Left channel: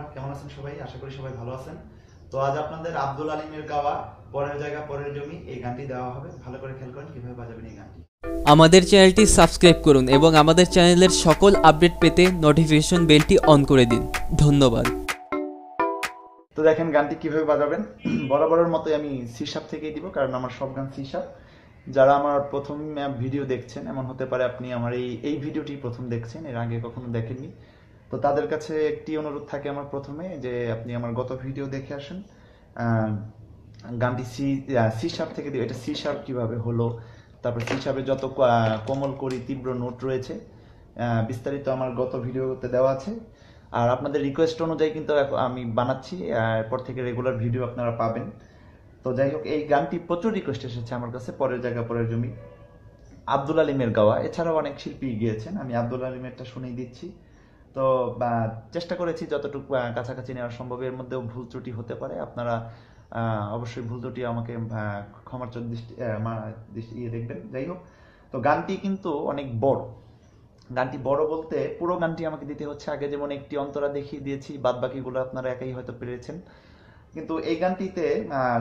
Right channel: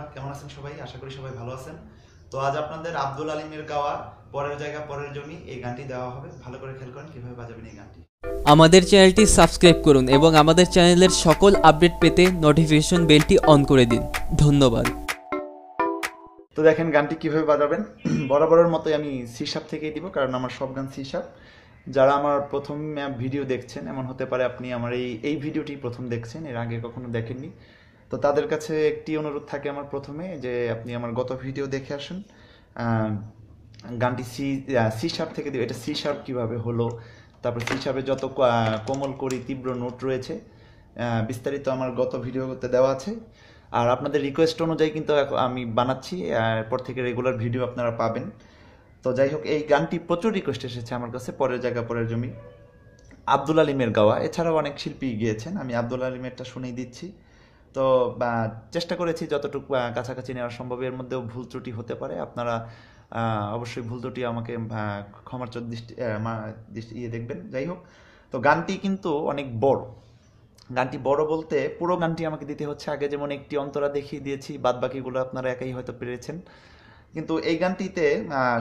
বন্ধুরা, কেমন আছেন সবাই? আশা করি সবাই ভালো আছেন। তো আজ আপনাদের আব্দুল আলিমের গাওয়া পরের জায়গা পরের জমি এই গানটি দেওয়া হবে। ভালো করে খেয়াল করেন কিভাবে বাজাবেন এই গানটি। আমাদের চ্যানেলটি সাবস্ক্রাইব করুন এবং আমাদের চ্যানেলের সকল আপডেট পেতে নোটিফিকেশন বেলটি অন করে দিন। ধন্যবাদ। তো দেখেন গানটি কিভাবে বাজাবেন। বরাবরের মতোই আমি সি শার্প থেকেই দিব, কারণ আমার সব গান সি শার্প। যারা আমার প্রথম ভিডিও দেখছেন, এমন হতে পারে আপনি আমার এই ভিডিওটি প্রথম দেখছেন, এর আগে কখনো দেখেননি। তো তাদের কাছে একটি অনুরোধ থাকে আমার প্রথমে, যে আপনি আমার গত ভিডিও দেখে আসেন। গানটি সি শার্প থেকে দিব। এটা সি শার্প কীভাবে হলো, তারপর সি শার্পের যত কোমল করি তীব্র নোট রয়েছে, বিস্তারিত আমার গত ভিডিওতে দেওয়া আছে। আর আপনাদের রিকোয়েস্ট অনুযায়ী কিন্তু আমি বানাচ্ছি, এরপর থেকে রেগুলার ভিডিও আপনারা পাবেন। তো যাই হোক, এই গানটি প্রচুর রিকোয়েস্ট এসেছে আমার কাছে, পরের জায়গা পরের জমি, আব্দুল আলিমের গাওয়া। এছাড়াও অনেক শিল্পী গিয়েছেন, আমি আব্দুল আলিমেরটা শুনেই দিচ্ছি। তো চেষ্টা করেছি যতটুকু কাছাকাছি নেওয়া সম্ভব। এর মধ্যেও ভুল ত্রুটি হতে পারে, আপনারা অবশ্যই ভুল ত্রুটি আমাকে ক্ষমার দৃষ্টি দেখবেন। যাই হোক, তো গানটি কিন্তু অনেক বড়। গানটি বড় বলতে পুরো গানটি আমাকে দিতে হচ্ছে। আগে যেমন একটি অন্তরা দেখিয়ে দিয়েছি, বাদ বাকিগুলো আপনারা একাই হয়তো পেরেছেন। কিন্তু এই গানটিতে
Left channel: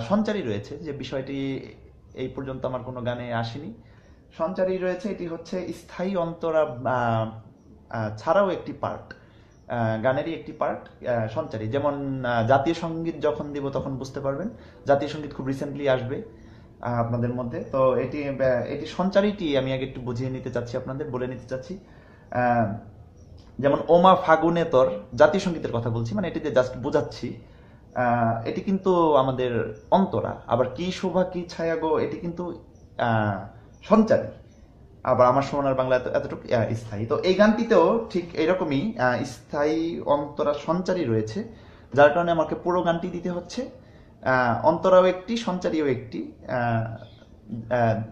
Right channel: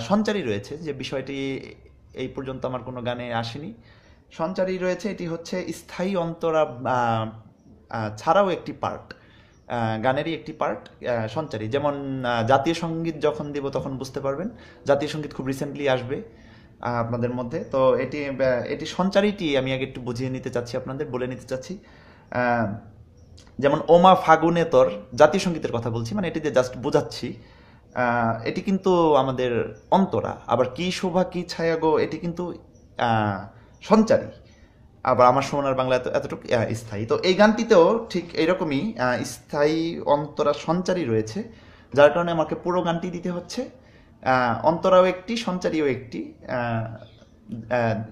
সঞ্চারী রয়েছে, যে বিষয়টি এই পর্যন্ত আমার কোনো গানে আসেনি। সঞ্চারী রয়েছে, এটি হচ্ছে স্থায়ী অন্তরা ছাড়াও একটি পার্ট, গানেরই একটি পার্ট সঞ্চারী। যেমন জাতীয় সঙ্গীত যখন দিব তখন বুঝতে পারবেন, জাতীয় সঙ্গীত খুব রিসেন্টলি আসবে আপনাদের মধ্যে। তো এটি সঞ্চারীটি আমি আগে একটু বুঝিয়ে নিতে চাচ্ছি, আপনাদের বলে নিতে চাচ্ছি। যেমন ওমা ফাগুনে তোর, জাতীয় সঙ্গীতের কথা বলছি, মানে এটিতে জাস্ট বোঝাচ্ছি। এটি কিন্তু আমাদের অন্তরা। আবার কি শোভা কি ছায়া গো, এটি কিন্তু সঞ্চারী। আবার আমার সোনার বাংলা এতটুকু স্থায়ী। তো এই গানটিতেও ঠিক এইরকমই স্থায়ী অন্তরা সঞ্চারী রয়েছে, যার কারণে আমাকে পুরো গানটি দিতে হচ্ছে। অন্তরাও একটি, সঞ্চারীও একটি।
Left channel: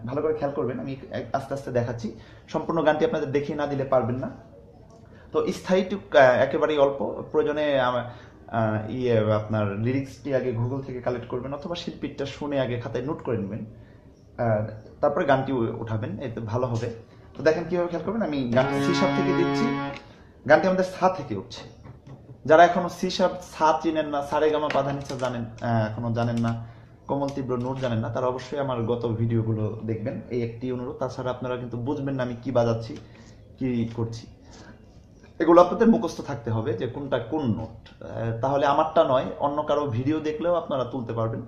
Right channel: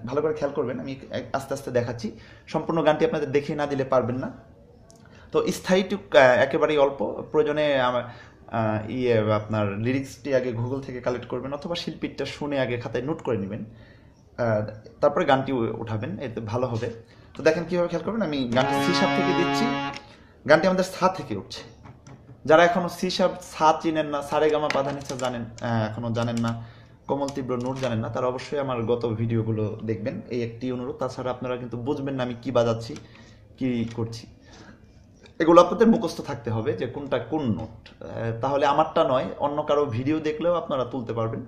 ভালো করে খেয়াল করবেন, আমি আস্তে আস্তে দেখাচ্ছি। সম্পূর্ণ গানটি আপনাদের দেখিয়ে না দিলে পারবেন না। তো স্থায়ীটুক একেবারেই অল্প। প্রয়োজনে আপনার লিরিক্সটি আগে গুগল থেকে কালেক্ট করবেন, অথবা শিল্পীরটা শুনে আগে খাতায় নোট করে নেবেন, তারপরে গানটি উঠাবেন, এতে ভালো হবে। তো দেখেন কীভাবে খেয়াল করবেন। আমি গানটি সি শার্প থেকে দিচ্ছি, গানটি আমাদের সা থেকে উঠছে। যারা এখনো সি শার্প সা চিনেন না, সারেগামা পাধানিসা জানেন, এখনো জানেন না, কোমল তীব্র নোট জানেন না, তারা অবশ্যই আমার গত ভিডিওগুলো দেখবেন, এই একটি অনুরোধ। তাছাড়া আপনারা কিন্তু বুঝবেন না আমি কি বাজাচ্ছি, কি করছি। এগুলো আপনাদের মুখস্থ থাকতে হবে যে কোনটা কোন নোট, তাহলে আমারটা নয় অন্য কারো ভিডিও দেখলেও আপনারা তুলতে পারবেন।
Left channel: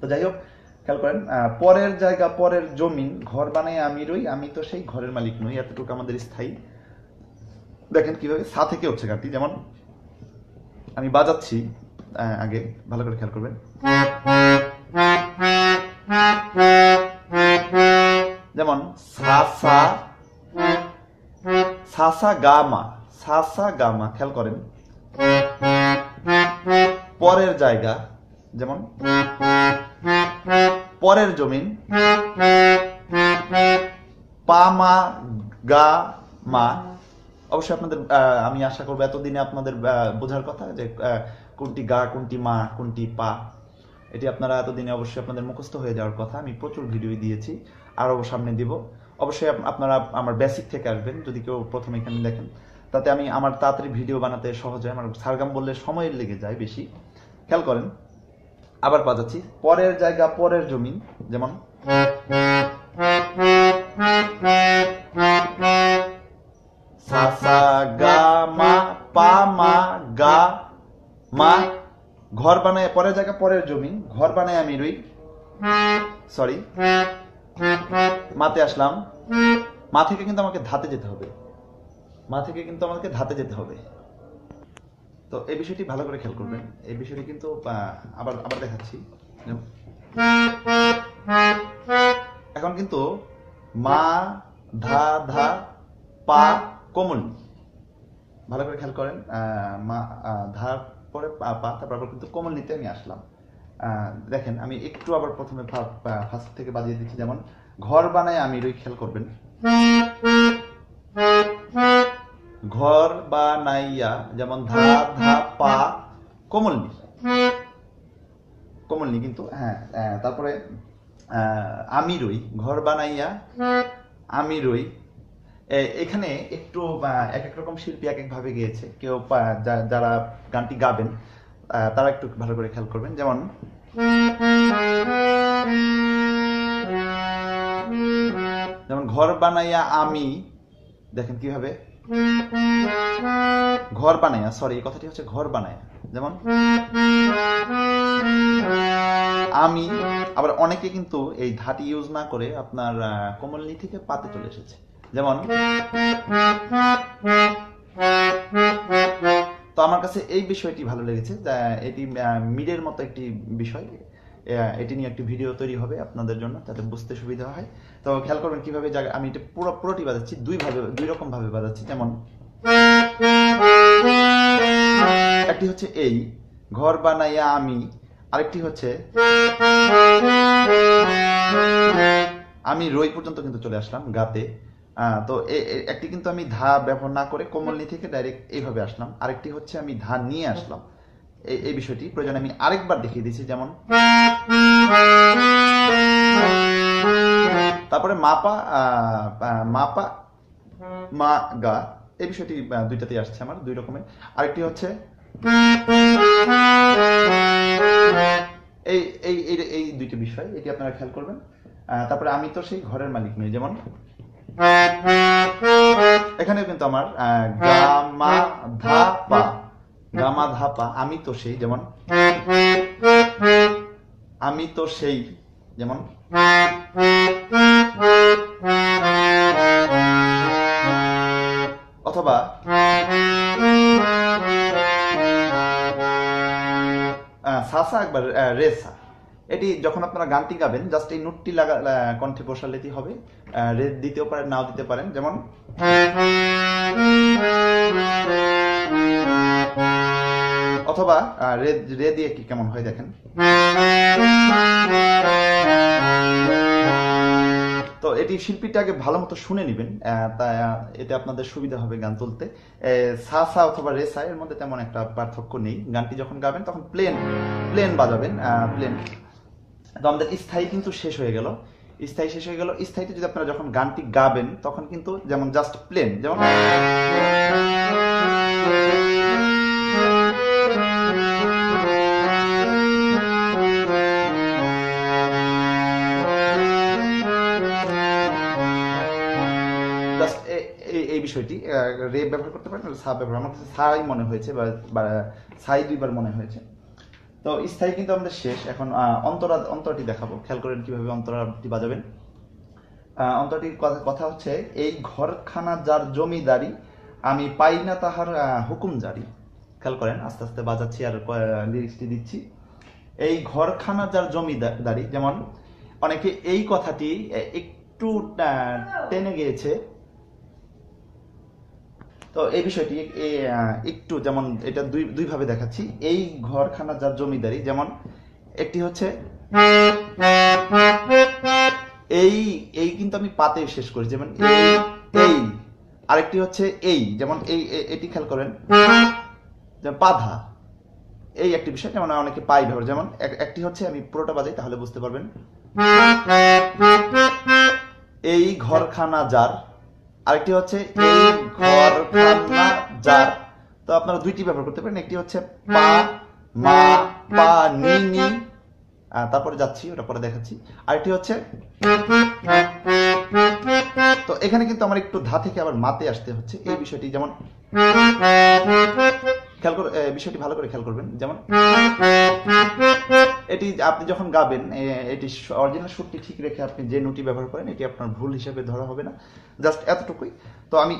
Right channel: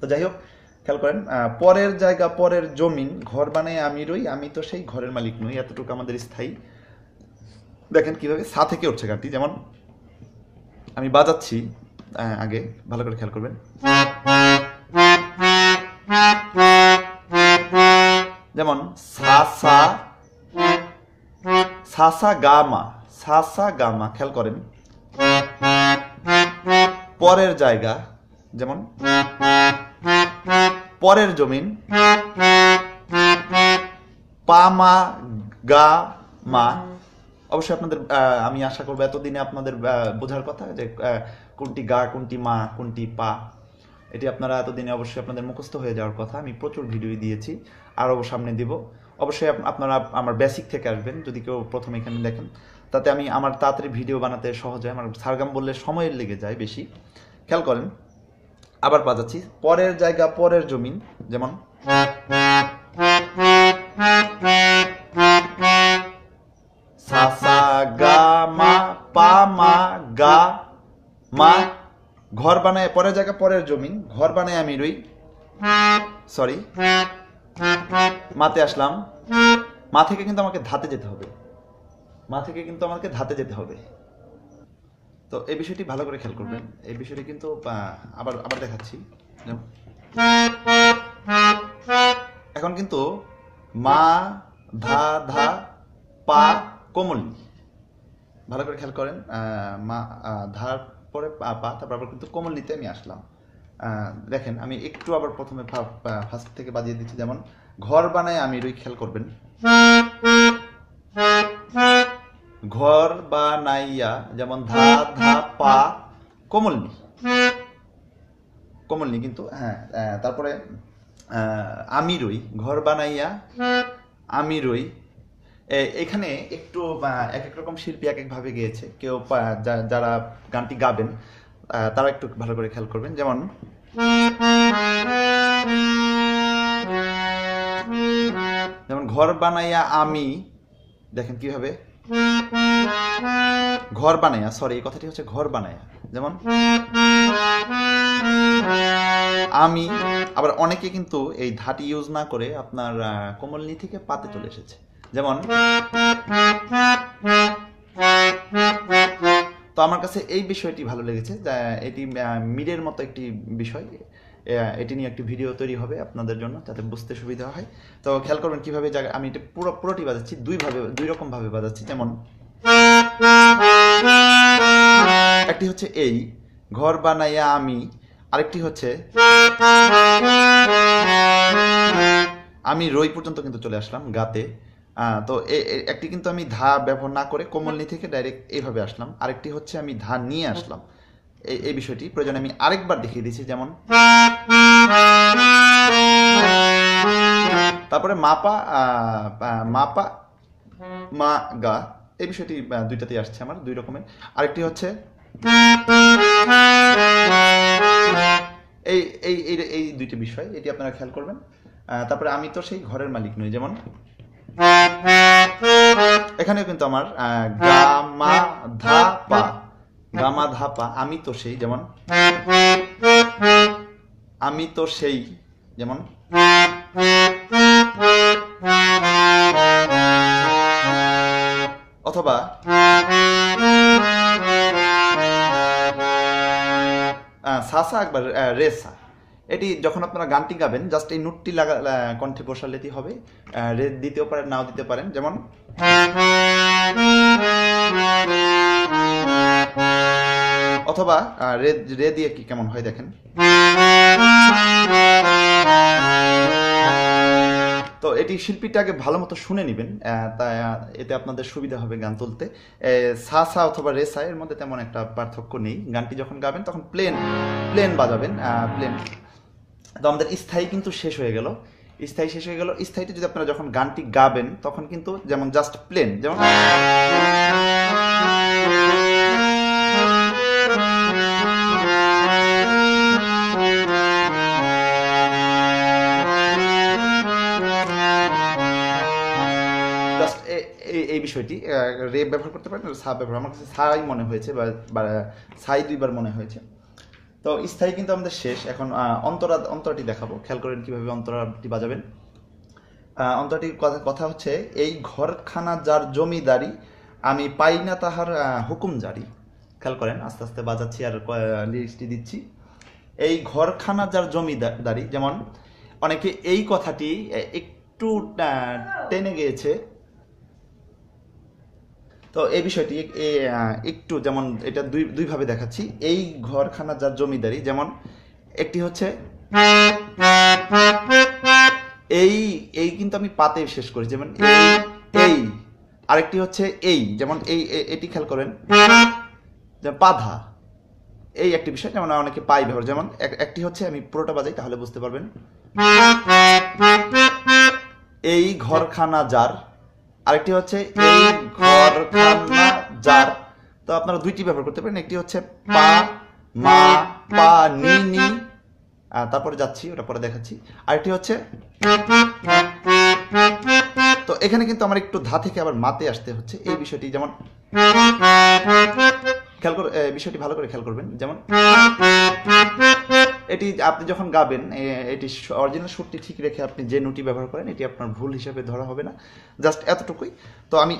তো যাই হোক, খেয়াল করেন, পরের জায়গা পরের জমিন, ঘর বানায় আমি রই, আমি তো সেই ঘরের মালিক নই, এতটুকু আমাদের স্থায়ী। দেখেন কিভাবে সা থেকে উঠছে গানটি। যেমন আমি বাজাচ্ছি, আগে ভালো করে খেয়াল করবেন। যেমন সা সা সা সা গা মা, সা সা গা মা, খেয়াল করেন। পরের জায়গা, যেমন পরের জমিন, পা মা গা মা। অবশ্যই আপনাদের, আমি আশা করবো এতদিনে আপনাদের বোঝার কথা যে কোনটি গা, কোনটি মা, কোনটি পা, এটি আপনারা এতদিনে অবশ্যই আপনাদের মুখস্থ হয়ে যাওয়ার কথা। আমি প্রচুর ভিডিও দিয়েছি, আরও সামনে দিব। অবশ্যই আপনারা আমার বেসিক থেকে আসবেন, যদি কেউ প্রথমে এখানে দেখেন, তাতে আমার তাড়াতাড়ি ভিডিও বানাতে সহজ হয়। আমার সারগাম বললে সময় লেগে যায় বেশি। খেয়াল করেন, আবার বাজাচ্ছি, পরের জায়গা পরের জমিন। যেমন সা সা গা মা, পা মা গা মা, ঘর বানায়, পরের জায়গা পরের জমিন, ঘর বানায় আমি রই, সরি, মাতে আসলাম। মা থেকে কিন্তু আমাকে ধাতে যেতে হবে, মা থেকে কিন্তু আমাকে ধাতে যেতে হবে। তো এই বিষয়টি ভালো করে খেয়াল করবেন। এই বিষয়টি কিন্তু আবার আবার দেখাচ্ছি। এখন কিন্তু মা ধা ধা পা কোমল, ভালো করে খেয়াল করেন। মা ধার পরে পা, তারপর কিন্তু কোমল নিতে আমি আসলাম। দেখেন আমি একটু আবার প্রথমে ফার্স্ট থেকে বাজিয়ে দিচ্ছি। যেমন ঘর বানায় আমি রই, খেয়াল করবেন। ঘর বানাইয়া, যেমন ধা ধা পা কোমল নি, কোমল নি কিন্তু, হ্যাঁ। তারপরে আমি রই, ঘর বানাইয়া আমি রই, এখানে একটু এক এক রকম শিল্পী এক এক ভাবে গেয়েছে, কেউ যারা গানটি গাবেন তারা একটু ভালো করে খেয়াল করবেন। যেমন ঘর বানাইয়া আমি, দেখেন কিভাবে ঘর বানাইয়া, সরি এই কথাটি হচ্ছে ঘর বানাইয়া, যেমন আমি। আবার অনেকে কিন্তু এই ধাটি ইউজ না করে আপনার কোমল নি থেকে পাতে চলে এসেছে, যেমন। তো আমার কাছে এই বিষয়টি ভালো লেগেছে, এটি মিডের মতো একটি বিষয়, এটি নিয়ে একটি ভিডিও তৈরি হবে আপনাদের জন্য, যাতে বুঝতে সুবিধা হয়। তো খেয়াল করবেন কিভাবে আমি এটা পুরোটি বাজাচ্ছি, দুই রকম ভাবে বাজাচ্ছি। যেমন একটি হচ্ছে এই ঘর বানাইয়া আমি, আরেকটি হচ্ছে আমি রই পর্যন্ত কিন্তু চলে আসলাম গাতে। তো একটি কিন্তু আমি ধা ব্যবহার না করে কোমলনি থেকে ডাইরেক্ট এইভাবে আসলাম, আরেকটি হচ্ছে আমি ধা নিয়ে আসলাম। এই বিষয়টি প্রয়োজন আমি আরেকবার দেখিয়ে দিচ্ছি। যেমন তারপরে মাপা মাপা মা গা, এই বিষয়টি দুইটাতেই আসছে আমার, দুই রকমের। আরেকটি হচ্ছে এই এই এই দুইটি বিষয়, এটি আপনারা খেয়াল করবেন। তারপরে আমি তো সেই ঘরের মালিক নই, যেমন এখানেও কিন্তু আমার গামা ধাপা, গামা ধাপা, আমি তো সেই, যেমন আমি তো সেই, যেমন অথবা সাসা একবার রেসা। এটি যখন আপনারা গানটি গাবেন জাস্ট এই নোটটি কণ্ঠে বসালেই হবে, রে দিতেও পারেন নাও দিতে পারেন। যেমন অথবা রে দিয়ে কি কেমন হয় দেখেন। তো এটি শিল্পীটাকে ভালো মতো শুনে নেবেন, তাই এতে আপনাদের সুবিধা হবে গান তুলতে। সা সা অথবা রে সা এর মধ্যে তেমন একটা পার্থক্য নেই। গানটি যখন গাবেন তখন প্লেন বাজাবেন, প্লেন। তো আমাদের স্থায়ী কিন্তু শেষ হয়ে গেল, স্থায়ীতে যদি আপনারা যখন গানটি গাবেন তখন কিন্তু যেমন জাস্ট প্লেন, যেমন এই বিষয়টি রে ব্যবহার করতে পারেন, সা ব্যবহার, আমার কাছে সাই মনে হয়েছে বা সাই দুইবার মনে হয়েছে। তো স্থায়ী কিন্তু আমাদের শেষ। এখন অন্তরাটি দেখাবো, খেয়াল করেন কিভাবে অন্তরাটি বাজাবেন। অন্তরাটির কথা হচ্ছে এই ঘরখানা যার জমিদারি, আমি পাই না তাহার হুকুম জারি। খেয়াল করেন, আস্তে আস্তে বাজাচ্ছি আর লিরিক্সটি দিচ্ছি। এই ঘরখানা যার জমিদারি, যেমন অনেকে এই কথাটি একটু টেনে গিয়েছে, তো এই বিষয়টি একটু, যেমন এটা দুই ভাবে দেখাচ্ছি। এই ঘরখানা যার জমিদারি, যেমন একটি হচ্ছে এই কিন্তু আমি পাতে শেষ করি, যেমন এই। আরেকটি হচ্ছে এই, যেমন এটি খেয়াল করেন, পাধা, এই একটি বিষয়। যেমন অনেকে পাই ব্যবহার, যেমন একটি হচ্ছে আমি পুরোটা বাজাই তাহলে বুঝতে পারবেন। এই ঘরখানা যার, আরেকটি হচ্ছে এই ঘরখানা যার। তো আপনারা দুইটি ব্যবহার করতে পারেন, একটি হচ্ছে পা মা পা নি নি, তারপরে যাচ্ছি, ওটা পরে দেখাচ্ছি। আরেকটি হচ্ছে, তো এখানে কিন্তু আমার একটু ধা থেকে আবার মাতে আসতে হচ্ছে, এই বিষয়টি। যেমন খেয়াল করে বিষয়টি ভালো করে খেয়াল করবেন। যেমন এটি আপনি যখন গাবেন, এটি অরিজিনাল সুরটি ঠিক রেখে আপনি যে নোটটি ব্যবহার করেন এটি আপনার ভুল হিসাবে ধরা হবে না, জাস্ট এতটুকুই। তো আমি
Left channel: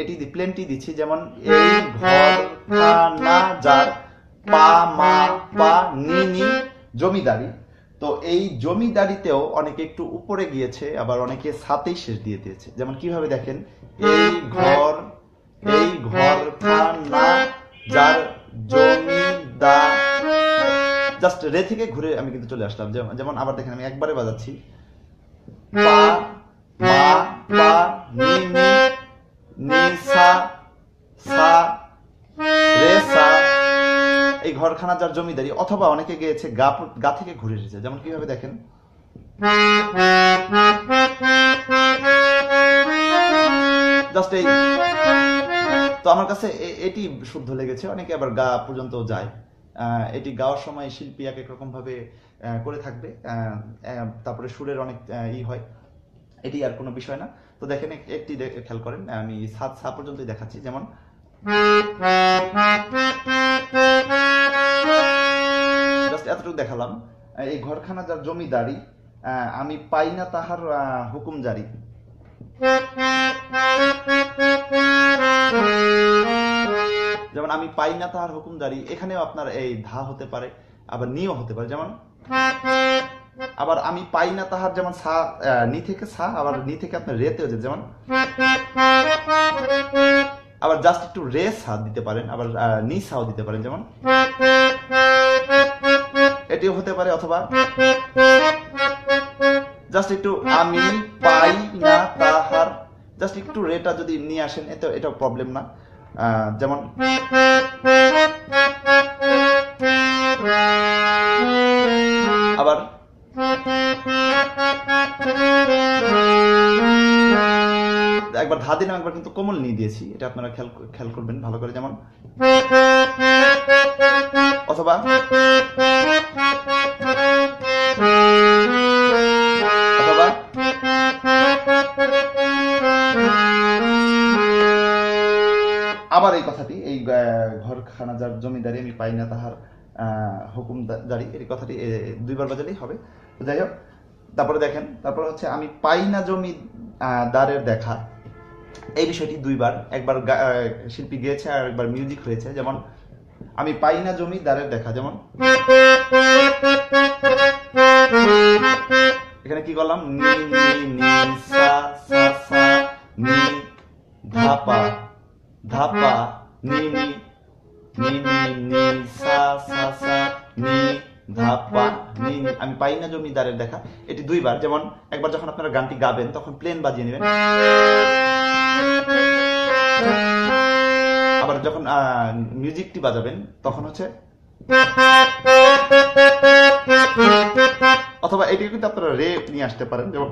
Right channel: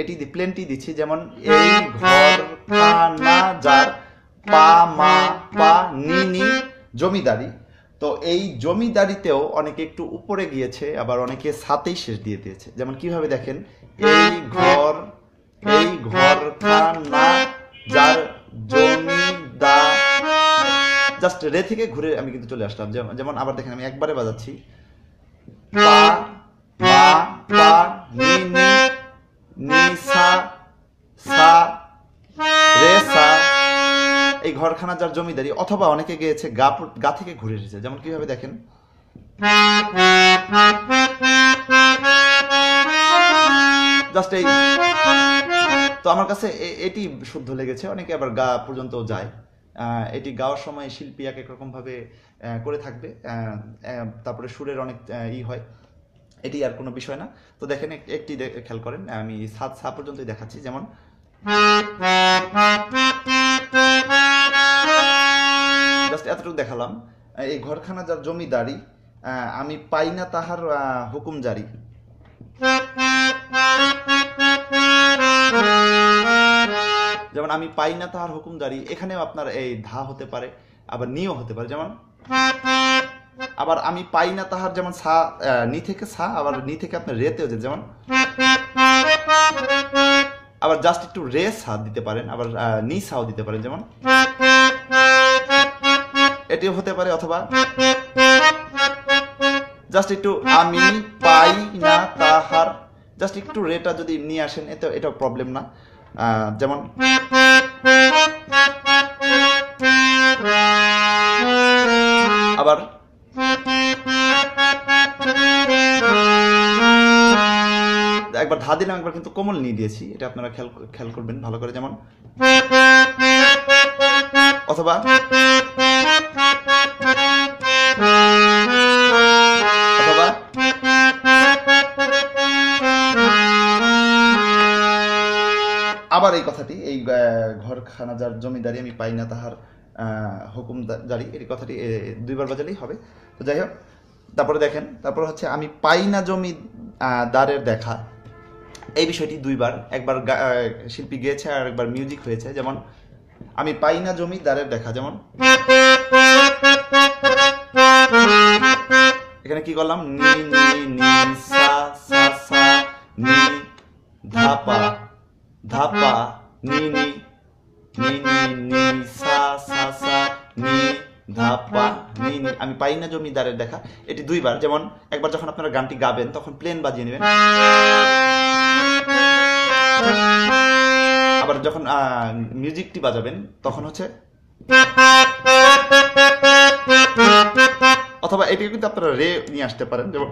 এটি প্লেনটি দিচ্ছি, যেমন এই ঘরখানা যার পা মা পা নি নি জমিদারি। তো এই জমিদারিতেও অনেকে একটু উপরে গিয়েছে, আবার অনেকে সাথেই শেষ দিয়ে দিয়েছে। যেমন কিভাবে দেখেন, এই ঘরখানা যার জমিদার, জাস্ট রে থেকে ঘুরে আমি কিন্তু চলে আসলাম। যেমন আবার দেখেন, আমি একবারে বাজাচ্ছি, পা মা পা নি নি নি সা সা রে সা, এই ঘরখানা যার জমিদারি। অথবা অনেকে গিয়েছে গা থেকে ঘুরে এসেছে, যেমন কিভাবে দেখেন, জাস্ট এই, তো আমার কাছে এটি শুদ্ধ লেগেছে। অনেকে আবার গা পর্যন্ত যায়। এটি গাওয়ার সময় শিল্পী এক এক রকম ভাবে করে থাকবে, তারপরে সুরের অনেক হয়, এটি আর কোনো বিষয় না। তো দেখেন একটি খেয়াল করেন, আমি সা পর্যন্তই দেখাচ্ছি। যেমন জাস্ট এতটুকু দেখালাম। এই ঘরখানা যার জমিদারি, আমি পাই না তাহার হুকুম জারি। যেমন আমি পাই না তাহার হুকুম জারি, এখানেও আপনার এই ধা হতে পারে, আবার নিও হতে পারে। যেমন আবার আমি পাই না তাহার, যেমন সা, নি থেকে সা, আবার নি থেকে আপনার রেতেও যায়। যেমন আবার জাস্ট একটু রে সা দিতে পারেন, আবার নি সাও দিতে পারেন। যেমন এটিও হতে পারে। অথবা জাস্ট একটু আমি পাই না তাহার, জাস্ট একটু রেটা যদি নিয়ে আসেন, এটা প্রবলেম না। যেমন আবার একবার ধা দিলাম, একবার কিন্তু কোমল নিয়ে দিয়েছি, এটা আপনারা খেয়াল করবেন ভালো করে। যেমন অথবা আবার এই কথাটি, এই ঘরখানা যার জমিদারি, আমি পাই না তাহার হুকুম জারি, এই কথাটি দুইবার বাজালেই হবে। তো যাই হোক, তারপরে দেখেন, তারপর হচ্ছে আমি পাই না জমিদারের দেখা, এই বিষয়টি দুইবার, একবার শিল্পী গেয়েছে আর একবার মিউজিক হয়েছে। যেমন আমি পাই না জমিদারের দেখা, যেমন এখানে কি করলাম, নি নি নি সা সা সা নি ধা পা ধা পা নি নি নি নি নি সা সা সা নি ধা পা নি নি। আমি পাই না জমিদারের দেখা, এটি দুইবার। যেমন একবার যখন আপনারা গানটি গাবেন তখন প্লেন বাজিয়ে নেবেন, আবার যখন মিউজিকটি বাজাবেন তখন হচ্ছে, অথবা এটিকে কিন্তু আপনারা রে নিয়ে আসতে পারেন। যেমন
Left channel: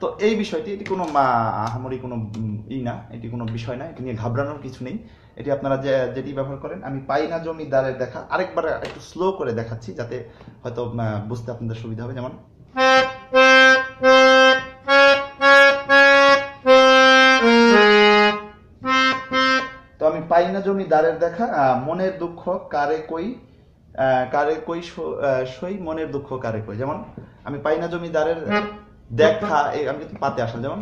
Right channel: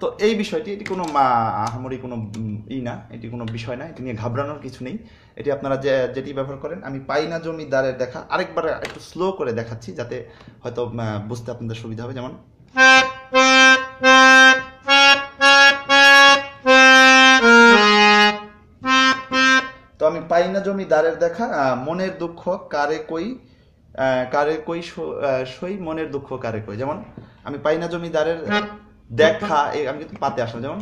তো এই বিষয়টি, এটি কোনো আহামরি কোনো না, এটি কোনো বিষয় না, এটি নিয়ে ঘাবড়ানোর কিছু নেই। এটি আপনারা যেটি ব্যবহার করেন, আমি পাই না জমিদারের দেখা, আরেকবার একটু স্লো করে দেখাচ্ছি যাতে হয়তো বুঝতে আপনাদের সুবিধা হবে। যেমন তো আমি পাই না জমিদারের দেখা, মনের দুঃখ কারে কই সই, মনের দুঃখ কারে কই। যেমন আমি পাই না জমিদারের দেখা, আমি কিন্তু পাতে আসলাম। যেমন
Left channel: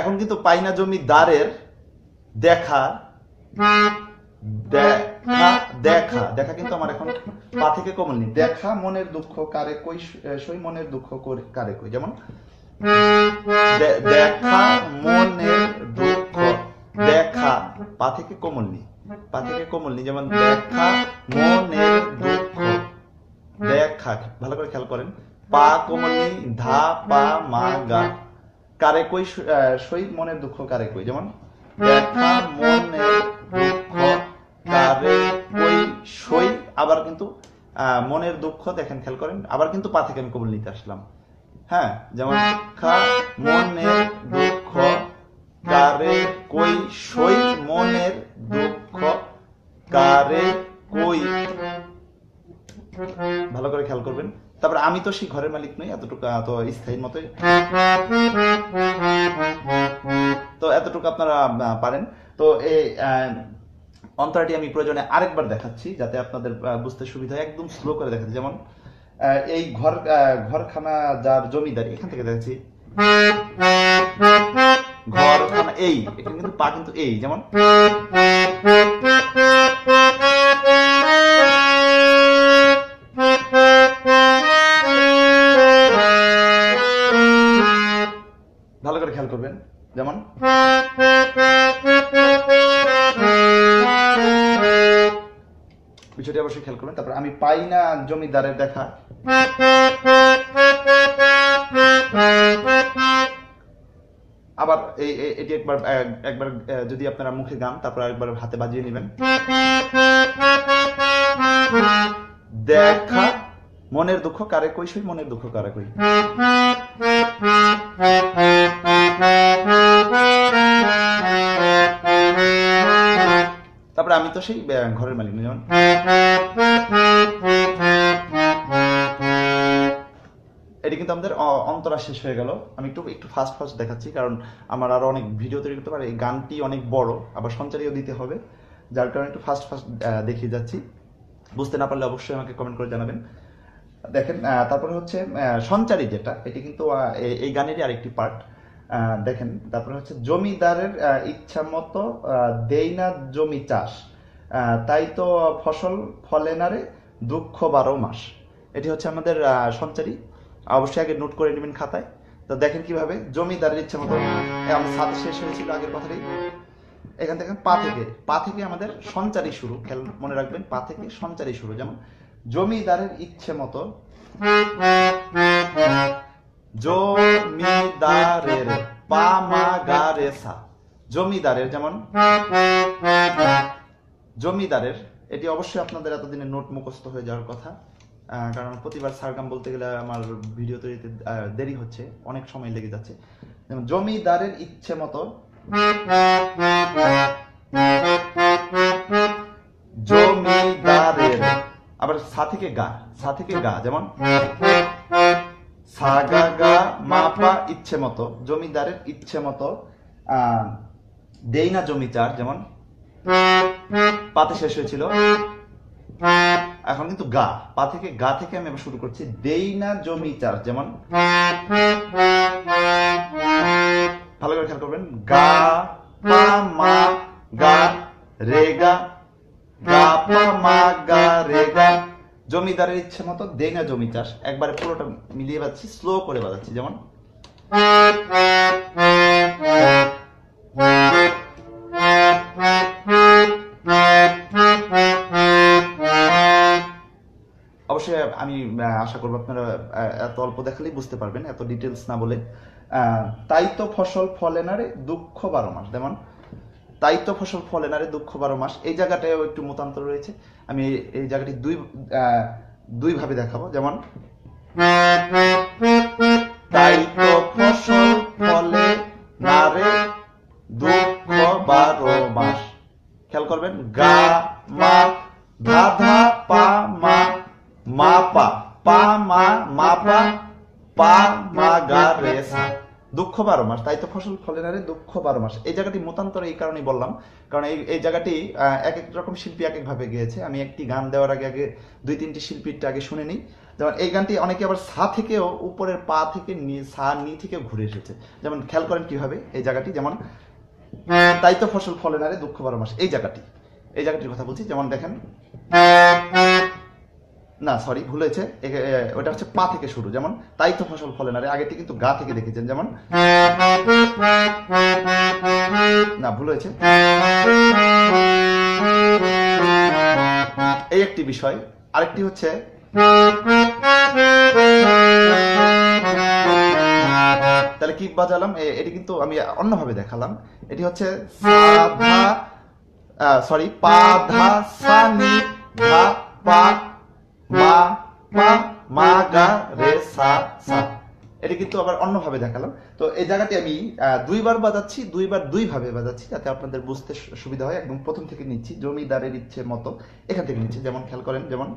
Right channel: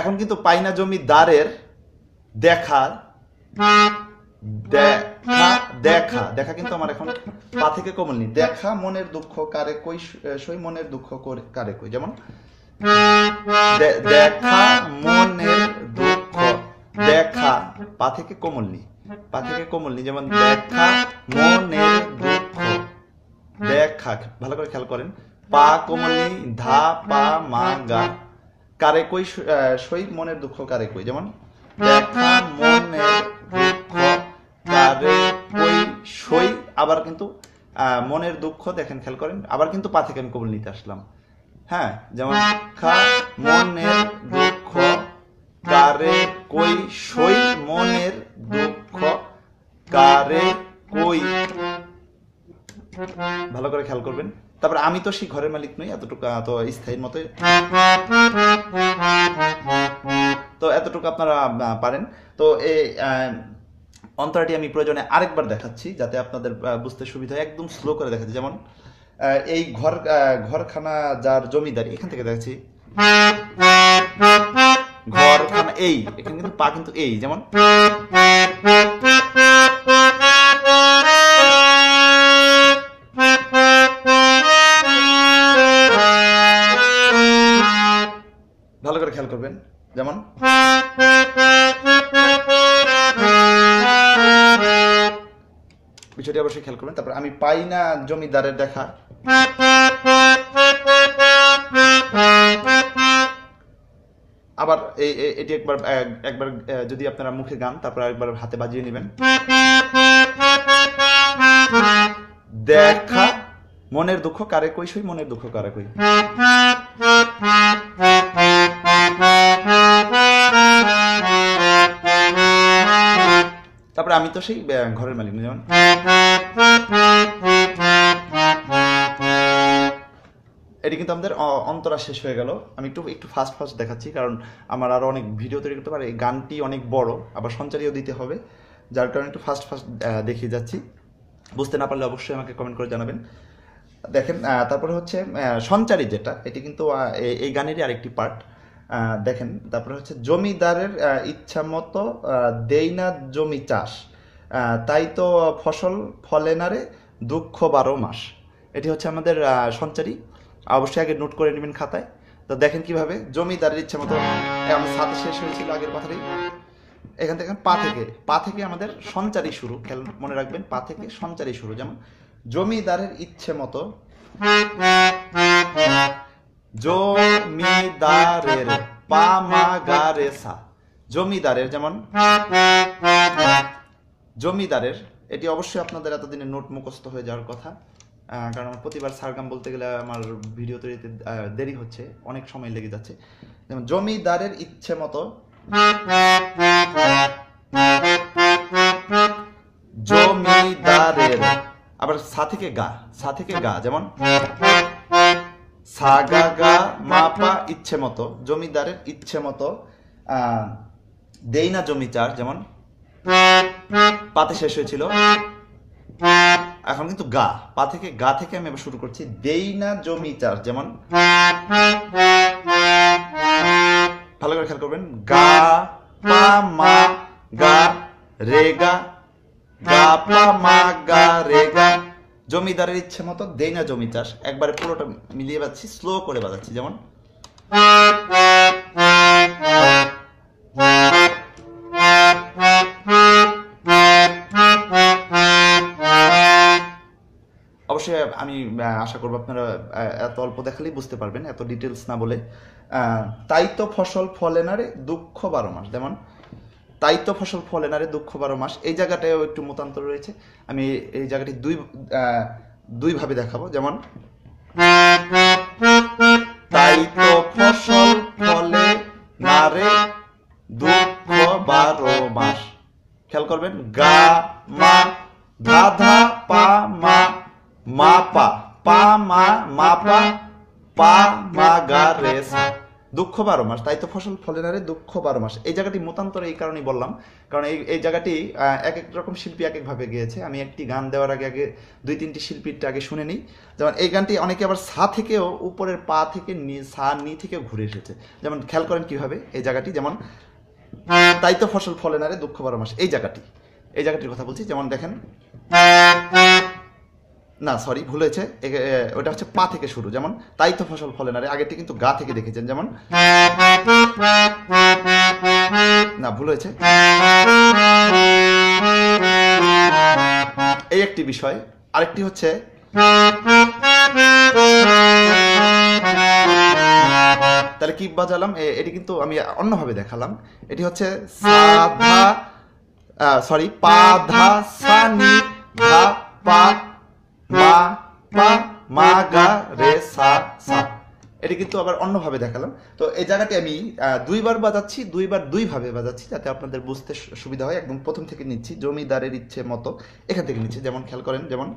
এখন কিন্তু পাই না জমিদারের দেখা, দেখা দেখা দেখা কিন্তু আমার এখন পা থেকে কোমল নি, দেখা মনের দুঃখ কারে কই সই, মনের দুঃখ কারে কই। যেমন দেখা মনের দুঃখ, দেখা পা থেকে কোমল নি, পা থেকে কোমল নি। যেমন দেখা মনের দুঃখ, দেখা, ভালো করে খেয়াল করেন, পা কোমল নি, ধা পা মা গা, কারে কই সই, মনের দুঃখ কারে কই। যেমন দেখা মনের দুঃখ কারে কই সই, আবার কিন্তু মনের দুঃখ, দেখেন খেয়াল করেন, আবার কিন্তু পা থেকে আমি কোমল নিতে আসলাম। হ্যাঁ, যেমন খা মনের দুঃখ কারে কই সই, মনের দুঃখ কারে কই, ভালো করে খেয়াল করবেন। তারপরে আমি তো সেই ঘরের মালিক নই, এতটুকু তো স্থায়ী মতো, তো এতটুকু আপনারা পারেন। তো এই অন্তরাটি আমি প্রয়োজনে আরেকবার দেখাচ্ছি যাতে আপনাদের বুঝতে সুবিধা হয়, একদম স্লো করে দেখাচ্ছি। যেমন এই ঘরখানা যার জমিদারি, এখান থেকে দেখাচ্ছি, ঘরখানা এই, এখানে কিন্তু পা কিন্তু এই। যেমন ভালো করে খেয়াল করবেন। যেমন বিষয়টি অবশ্যই খেয়াল করবেন। তারপর আমি পাই না জমিদারের দেখা, আবার এটি একবার যদি আপনারা মুখে গান, তারপর একবার হাতে বাজিয়ে নেবেন। দেখা মনের দুঃখ কারে কই সই, মনের দুঃখ কারে কই। তারপরে আমি তো সেই ঘরের মালিক না, যেমন এটি কিন্তু আমাদের অন্তরা শেষ হয়ে গেল। আমি একটু ফাস্ট দেখাচ্ছি, কারণ আমার আরো অনেক ভিডিও তৈরি করতে পারে। এই গানটি অনেক বড়, আবার সঞ্চারীও দিতে হবে, যার কারণে একটু ফাস্ট দেখিয়ে যাচ্ছি। বুঝতে না পারলে অবশ্যই আমাকে কমেন্ট করে জানাবেন। দেখেন, তারপরে হচ্ছে সঞ্চারী যেটা, এটি কিন্তু এই গানেরই আরেকটি পার্ট। দেখেন, তারপরে হচ্ছে জমিদারের ইচ্ছা মতো দেই না জমি চাষ, তাই তো ফসল ফলে না রে দুঃখ 12 মাস। এটি হচ্ছে আমাদের সঞ্চারী, অবশ্যই আগে নোট করে নেবেন খাতায়। তো দেখেন কিভাবে জমিদারের ইচ্ছা মতো, আমার সাথে শেষ হয়েছিল আগের কথাটাই। এখান থেকে পা থেকে আমাদের সঞ্চারী শুরু, খেয়াল মনে রাখবেন, পা থেকে সঞ্চারী শুরু। যেমন জমিদারের ইচ্ছে মতো, জমিদারের পা মা গা রে সা, জমিদারের, যেমন জমিদারের, এটি অবশ্যই আপনাদের এতদিনে নোট মুখস্থ হয়ে যাওয়ার কথা, কারণ প্রতিবার সারগাম বলতে গেলে আমার ভিডিও তৈরিতে দেরি হচ্ছে, অনেক সময় লেগে যাচ্ছে। যেমন জমিদারের ইচ্ছে মতো, জমিদারের, আবার সা থেকে গা, যেমন সা গা গা মা পা ইচ্ছে মতো, জমিদারের ইচ্ছে মতো দেই না জমি চার, যেমন পাতে শেষ হয়েছিল, এখন কিন্তু পা থেকে আমি আবার শুরু করছি, দেই না জমি চার, যেমন ভালো করে খেয়াল করবেন, গা পা মা গা রে গা, গা পা মা গা রে গা, জমিদারের ইচ্ছে মতো দেই না জমি চাষ। একবারে পুরোটা মিলিয়ে বাজছি, স্লো করে বাজাচ্ছি, যেমন অবশ্যই আমি আশা করবো আপনারা এত অল্প দেখালেই বুঝতে পারবেন, এত ডিটেলস না বলে। তাই তো ফসল ফলে না রে দুঃখ 12 মাস, যেমন তাই তো ফসল ফলে না রে দুঃখ 12 মাস। এই জায়গাটাও একটু মতান্তর রয়েছে, আমি এই জায়গাটি দুই ভাবে দেখাবো। যেমন তাই তো ফসল ফলে না রে দুঃখ 12 মাস। খেয়াল করবেন, গা মা ধা ধা পা মা মা পা পা মা মা পা পা মা গা রে সা, দুঃখ 12 মাস। তাই তো ফসল ফলে না রে দুঃখ 12 মাস। এই জায়গাটি মতান্তর এই কারণেই বললাম, কারণ এই জায়গাটি এক এক রকম শিল্পী এক এক ভাবে গেয়েছে। আমি একটি গান দেওয়ার আগে 2-3টি শিল্পীরটা আগে শুনে নিই। যেমন এই গানটি অনেকে আবার সা থেকেও, উপরের পা থেকে সা নি থেকে ঘুরে এসেছে। যেমন খেয়াল করেন কিভাবে এই জায়গাটি, যেমন তাই তো ফসল ফলে না রে দুঃখ 12 মাস, এই জায়গাটির কথা বলছি। যেমন দেখেন, না সরি ভুল হয়েছে, ওটা হচ্ছে পা থেকে শুরু। যেমন তাই তো ফসল ফলে না রে, আগেরটি কিন্তু গা থেকে দেখেছেন। যেমন না ভুল হয়েছে, এই একটি বিষয়। আরেকটি হচ্ছে তাহলে কি বাজালাম, এটি কিন্তু আমি অন্যভাবে দেখালাম। এটি হচ্ছে পা ধা সা নি ধা পা মা পা মা গা রে সা সা, এটি কিন্তু আবার অন্যভাবে দেখালাম। তো এই জায়গাটি আমি দুইবার বাজাচ্ছি, দুই ভাবে বাজাচ্ছি, যাতে আপনাদের বুঝতে সুবিধা হয়। একদম প্রথম থেকে নিচ্ছি, জমিদারের ইচ্ছে মতো, এখান থেকে নিচ্ছি। যেমন খেয়াল করেন, যেমন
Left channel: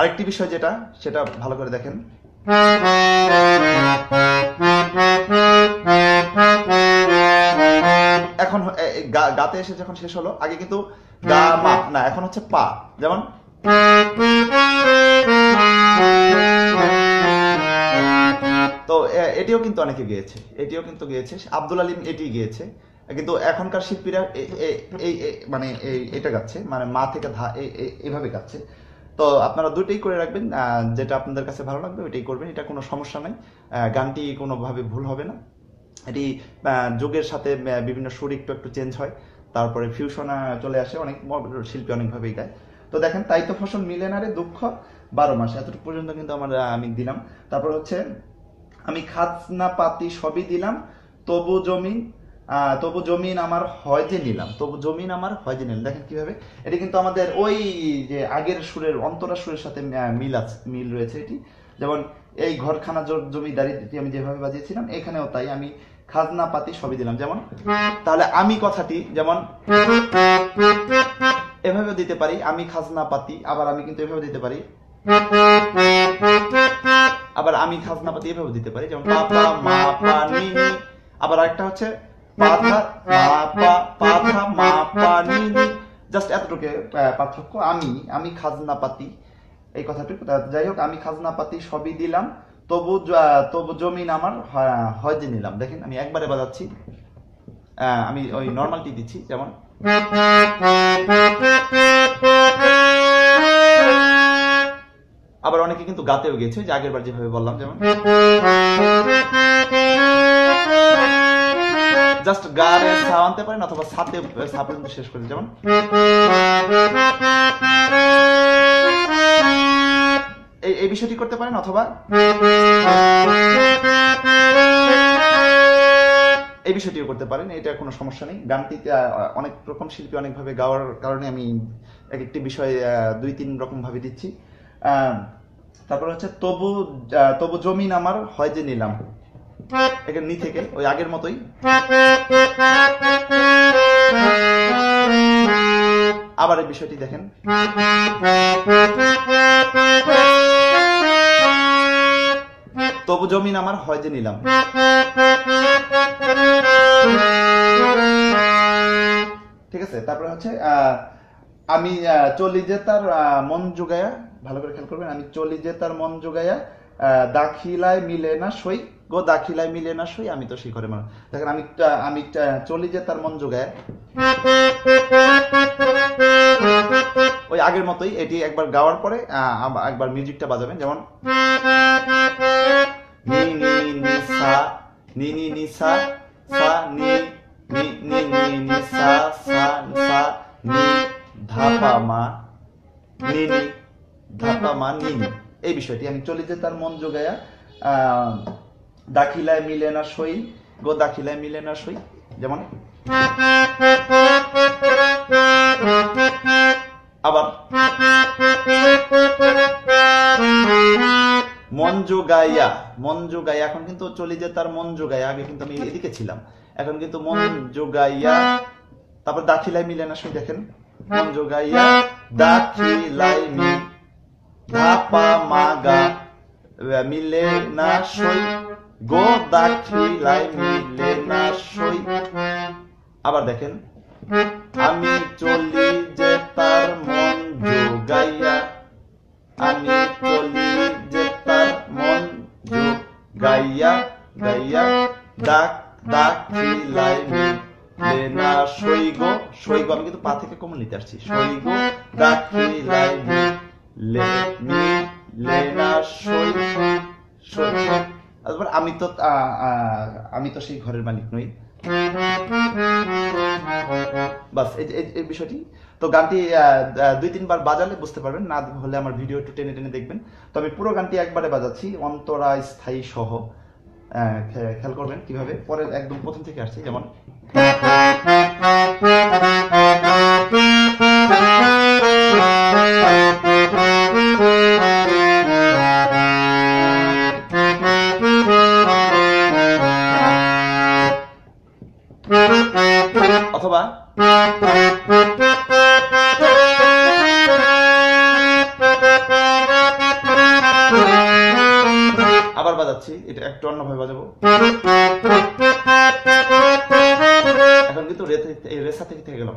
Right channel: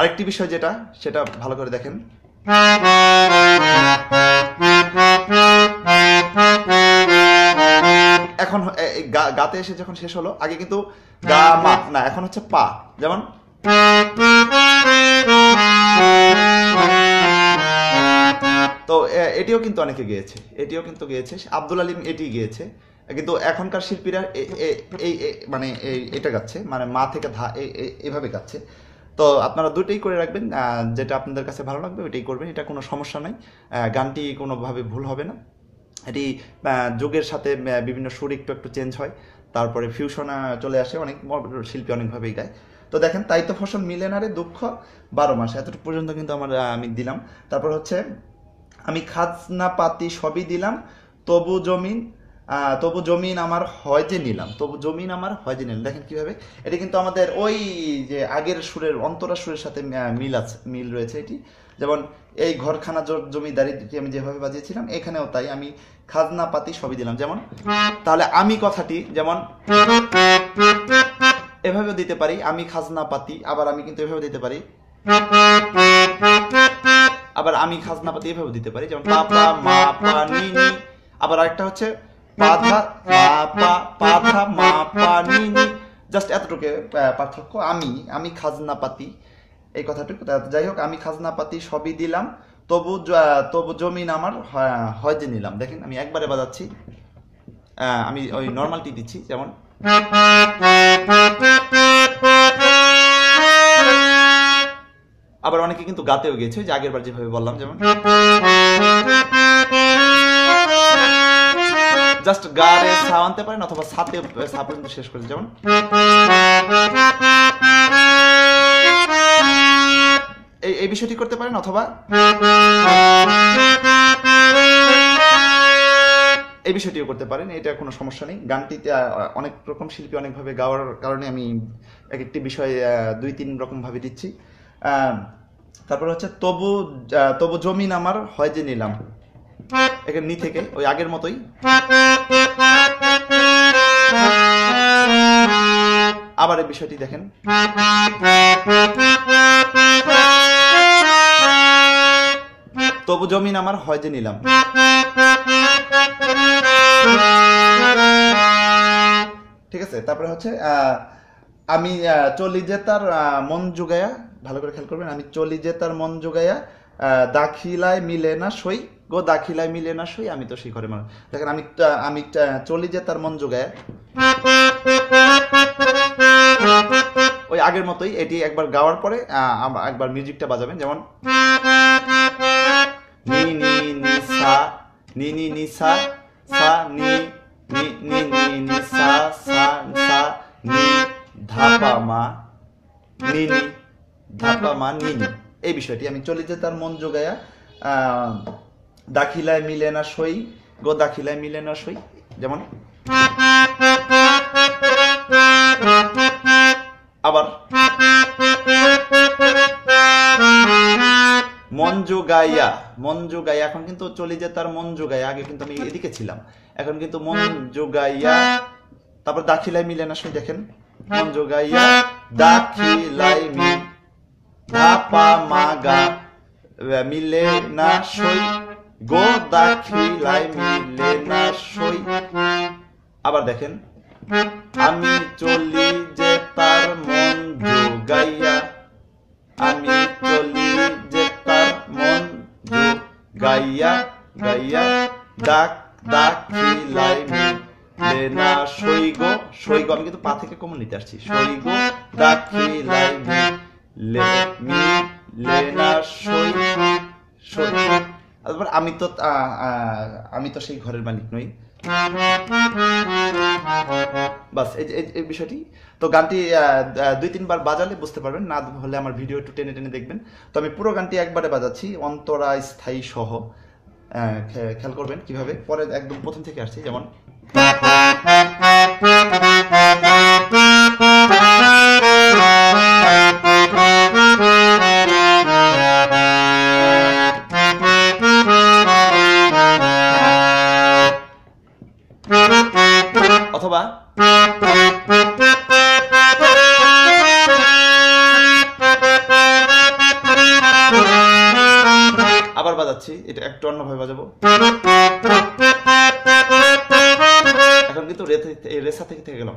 আরেকটি বিষয় সেটা ভালো করে দেখেন, এখন গাতে এসে যখন শেষ হলো, আগে কিন্তু গা মা না, এখন হচ্ছে পা। যেমন তো এটিও কিন্তু অনেকে গেয়েছে, আব্দুল আলিম এটি গেয়েছে, কিন্তু এখনকার শিল্পীরা মানে এটা গাচ্ছে, মানে মা থেকে ধা এইভাবে গাচ্ছে। তো আপনারা দুটোই করে রাখবেন, যেটা আপনাদের কাছে ভালো লাগবে ওইটাই করবেন, এটা কোনো সমস্যা নাই। গানটি কোনোভাবে ভুল হবে না। এটি যুগের সাথে বিভিন্ন সুর একটু চেঞ্জ হয়, তারপরে ফিউশন চলে আসে, অনেক শিল্পী অনেকভাবেই গায়। তো দেখেন তাই তো ফসল মিলে না রে দুঃখ 12 মাস, এতটুকু পর্যন্ত কিন্তু আমি দিলাম। তারপর হচ্ছে আমি খাজনা পাতি সবই দিলাম, তবু জমিন আমার হয় যে নিলাম, তবু জমিন আমার হয় যে নিলাম। দেখেন কিভাবে, এটি কিন্তু আমাদের ওই যে আগের সুরের অন্তরা সুরের সাথে মিল রয়েছে এটি। যেমন এই ঘরখানা জমিদারিটি আমি যেভাবে বাজিয়েছিলাম, এখানেও তাই আমি খাজনা পাতি সবই দিলাম। যেমন তাহলে আমি কথাটি যেমন এভাবে দিতে পারি, আমি খাজনা পাতি, আবার আমি কিন্তু এভাবে দিতে পারি, আবার আমি খাজনা পাতি এভাবে দিতে পারি, যেমন পাপা মা পা নি নি। আবার আরেকটা হচ্ছে পাধা মা পা পাধা মা পা নি নি। জাস্ট এতটুকু পার্থক্য। আমি খাজনা পাতি এই কথাটুকু। যাই হোক, আমি খাজনা পাতি সবই দিলাম, তবু জমিন আমার হয় যে নিলাম। দেখেন আমি একবারে বাজাচ্ছি, আমি ওই নর্মালটি দিচ্ছি। যেমন আবার অনেকে কিন্তু গাতেও গেছে, যে আগের বার যেভাবে বললাম। যেমন জাস্ট গারে সা আনতে পারেন, অথবা সাথে সা পর্যন্ত শেষ করেন। যেমন এই বিষয়টি করতে পারেন, অথবা এই বিষয়টিও করতে পারেন, এটা কোনো সমস্যা নেই। গানটিতে অনেক রকম শিল্পী অনেকভাবে গাওয়ার কারণে আমি এক একটি বিষয় 2-3 রকম ভাবে দিচ্ছি। তারপর হচ্ছে তবু জমিন আমার হয় যে নিলাম, এখানে নি থেকে ওই আগের মতোই। আবার এই বিষয়টি দেখেন, তবু জমিন আমার হয় যে নিলাম। ঠিক আছে। তারপরে হচ্ছে আমি চলি যে তার মন জুগাইয়া, ভালো করে খেয়াল করবেন, আমি চলি যে তার মন জুগাইয়া, দাখিলায় মিলে না সই গো, দাখিলায় মিলে না সই, আমি তো সেই করে মানুষ। দেখেন আমি চলি যে তার মন জুগাইয়া, ওই আগের মতোই। এটি একবার গাওয়ার পরে একবার মিউজিকটা বাজাবেন। যেমন নি নি নি সা নি নি নি সা সা নি নি নি নি নি সা সা সা নি ধাপা মা নি নি ধাপা মা নি নি। এই বিষয়টি আমি চলি যে তার মন জোগায়া, দাখিলায় মিলে না সই গো, দাখিলায় মিলে না সই। যেমন আবার মন জোগাইয়া, এখন কিন্তু চলি যে তার মন জোগাইয়া, আগে কিন্তু আমি এদিকে ছিলাম, এখন কিন্তু মন জোগাইয়া। তারপর দাখিলায় মিলে না সই, দেখেন মন জোগাইয়া দাখিলায় মি ধাপা মা গা মিলে না সই গো, দাখিলায় মিলে না সই। আবার দেখেন আমি চলি যে তার মন জোগাইয়া, আমি চলি যে তার মন জোগাইয়া গাইয়া, দাখিলায় মিলে না সই গো, সই গো। আমি কিন্তু পা থেকে কমন নিতে আসছি, সই গো দাখিলায় মিলে না সই সই। তারপর আমি তো সেই ঘরের মালিক নই। বাস এই বিষয়টি। তো গানটি 2-3 বার বাজালে বুঝতে পারবেন, না হলে আমার ভিডিও একটু টেনে টেনে দেখবেন। তো আমি পুরো গানটি একবারে বাজাচ্ছি, অন্তরা স্থায়ী সহ। খেয়াল করবেন কিভাবে, পরে একদম প্রথম থেকে আসছি। যেমন অথবা আবার বাজাচ্ছি, এটা একটু অন্যভাবে বাজাবো। এখন কিন্তু রেসা থেকে গেলাম।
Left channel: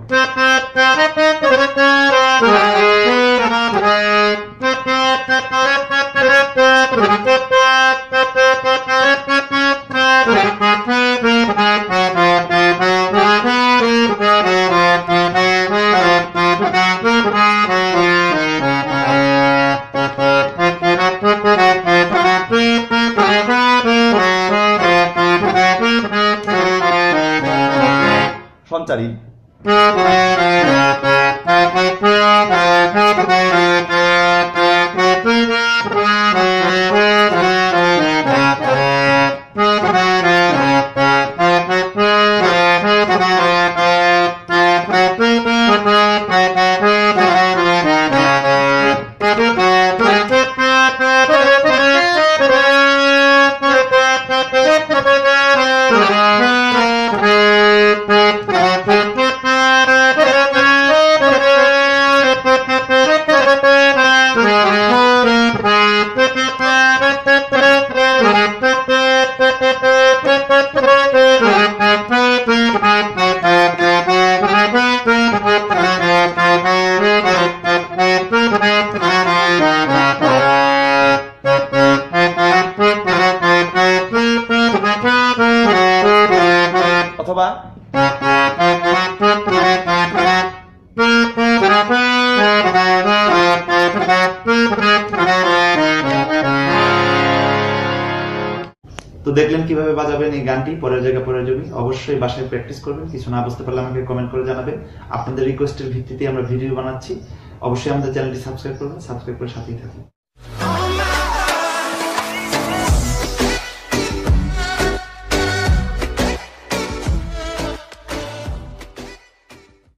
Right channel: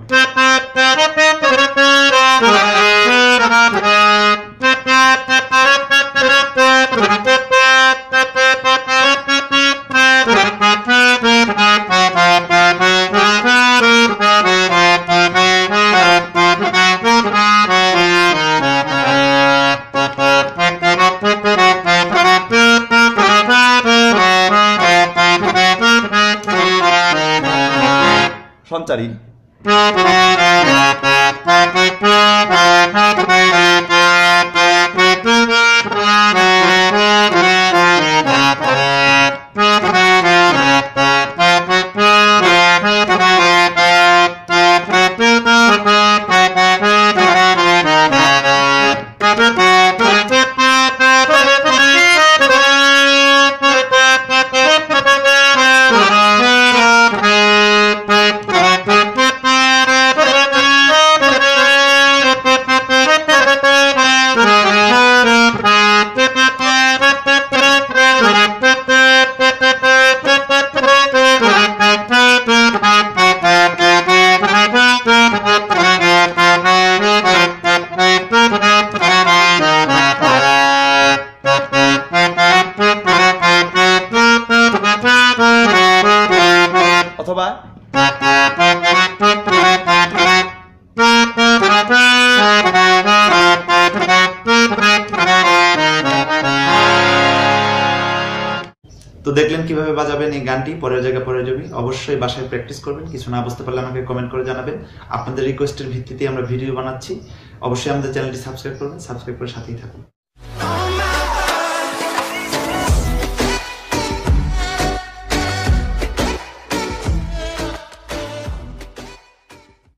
সঞ্চারী। তো দেখলেন কিভাবে বাজাবেন এই গানটি, পরের জায়গায় পরের জমি। অবশ্যই বাসায় প্র্যাকটিস করবেন, কিছু না বুঝতে পারলে আমাকে কমেন্ট করে জানাবেন। আপনাদের রিকোয়েস্টের ভিত্তিতে আমরা ভিডিও বানাচ্ছি। অবশ্যই আমাদের চ্যানেলটি সাবস্ক্রাইব করবেন, সাবস্ক্রাইব করে সাথেই থাকুন।